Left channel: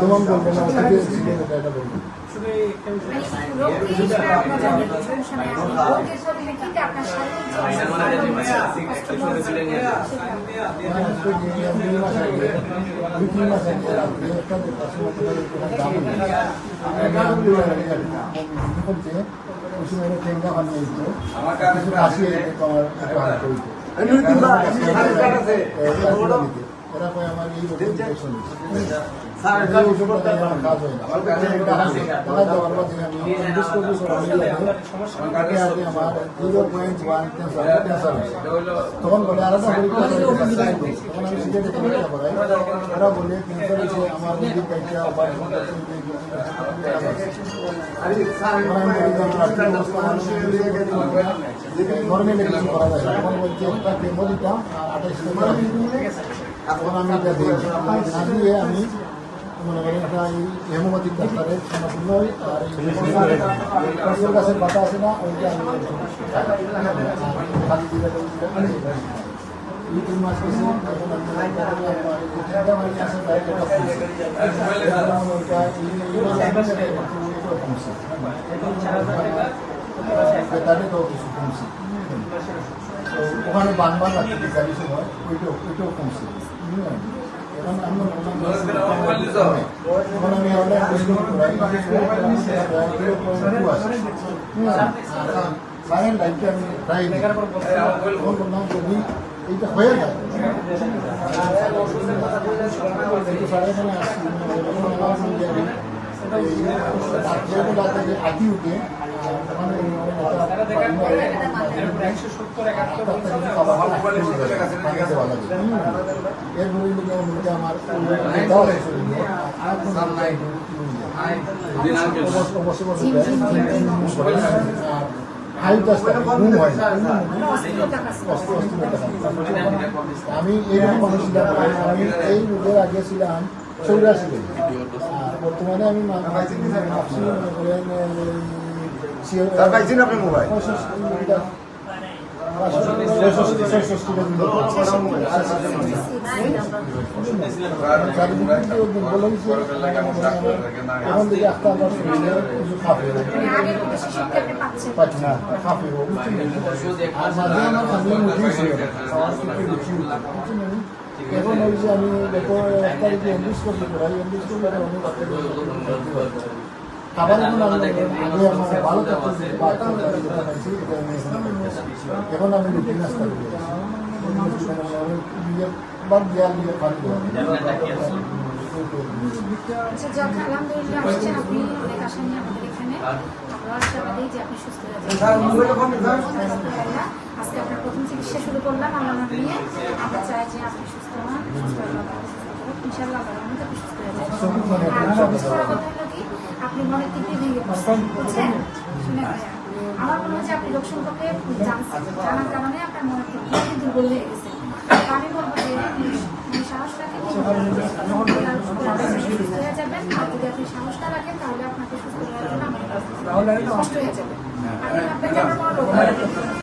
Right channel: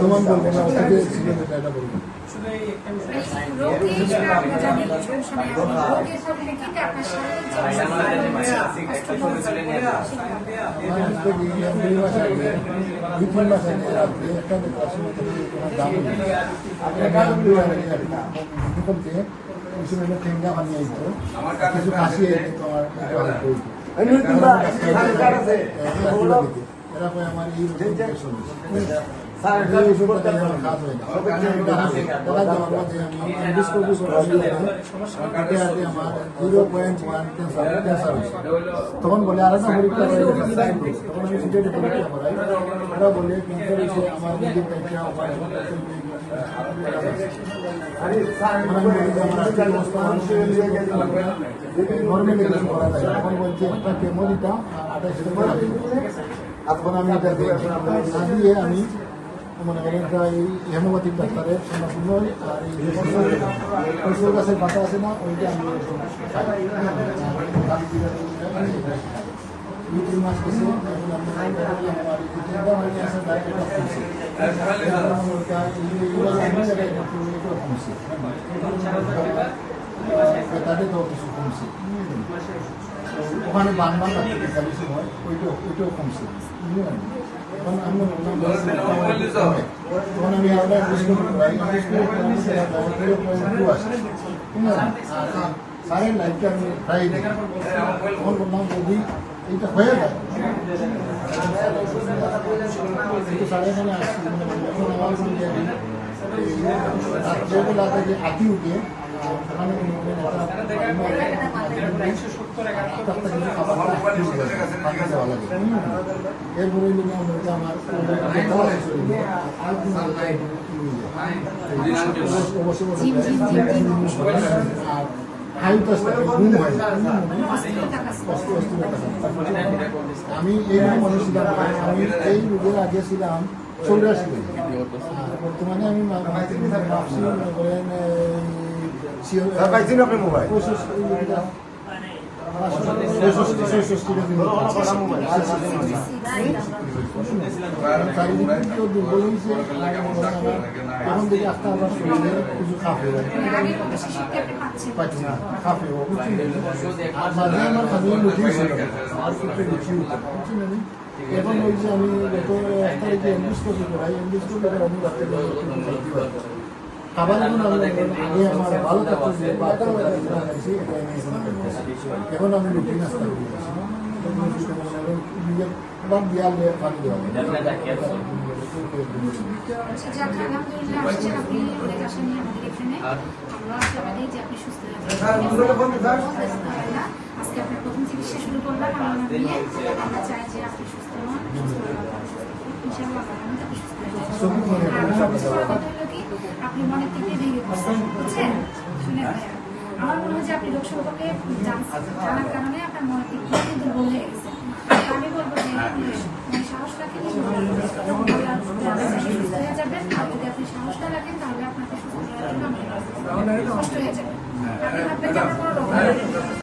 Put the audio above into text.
অনুমান বলবেন না, ওটাকে ছিল এটা বলবেন। দুই-তিন মাস আগে আপনি একটা কিছু কাশি ওরা করে আমার এই ইনফেকশন এই ওষুধটা আমার কাজ হয় না। দেখা যাওয়ার পর যে আমি এন্ডোস্কোপি তাকে আগে আমার 0.1 ক্যান্সার তখন বলে আর একটা পরীক্ষা তখন আমি সিটের পরীক্ষা করাই। ওরা বলে ক্যান্সার হচ্ছে আমার নিজের দায়িত্বে আবার নর্মালি কিছু করা যায় না। তখন বলছি একটা কেমো দিতাম 28 টাকা। এখন আমি এটা দিয়েছি না দিয়ে আমি মনে করেন হেমোপ্যাথিক ডাক্তারের নই আর এই গাছের পাতা আছে না ওইটা আমি খালি দিয়ে 2-3 মাস গেছে তাদেরকেও কিছু কমছে। ওখানে বান লাগছে বিকালের সময় ওইটাও কমছে। এখন আমি সারেন লাইটটা আমি প্রায় তখন বললাম যদি এইটা হয়ে যায় সাড়ে এখানে আসছি রাত্রেবেলা যে আটি উঠে এরপরে আমার ঘুম হয় না। আমি এইরকম মানুষ ছিলাম, আমি এই রোগের আগে ছিলাম 84। বর্তমানে আমি এখন থেকে আস্তে আবার শরীরে কিছু খাবে পাচ্ছি না খাবে আর মাঝে আমার খালি মুখেই ছিল আমার কিছু রুচি বুঝছি। এখন ওই যে আমি গত 1 তারিখে এন্ডোস্কোপি করাই, এন্ডোস্কোপি করে আমি খাবার এখন আমি আপনার ভালো থাকতে এখন আমি রুটি নাস্তা করি বাদ দেওয়াল আজকে আপনার প্রথম চিকিৎসা শুরু করলাম আমরা নিয়ে আমরা চাই যে আপনি সুস্থ হন, ইনশাআল্লাহ আপনি মনে থেকে বুঝছেন শুনে আমার মনে হয় যে আপনি লোক সম্পর্কে জানার কারণে আপনার মনে থেকে দুর্বল হয়ে গেছে। আমি বলবো যে সাহস রাখেন হয়ে যাবেন, আর যদি আপনি সাহস না রাখেন তাহলে আপনাকে সুস্থ হয়ে যাবেন, কষ্ট হয়ে যাবে।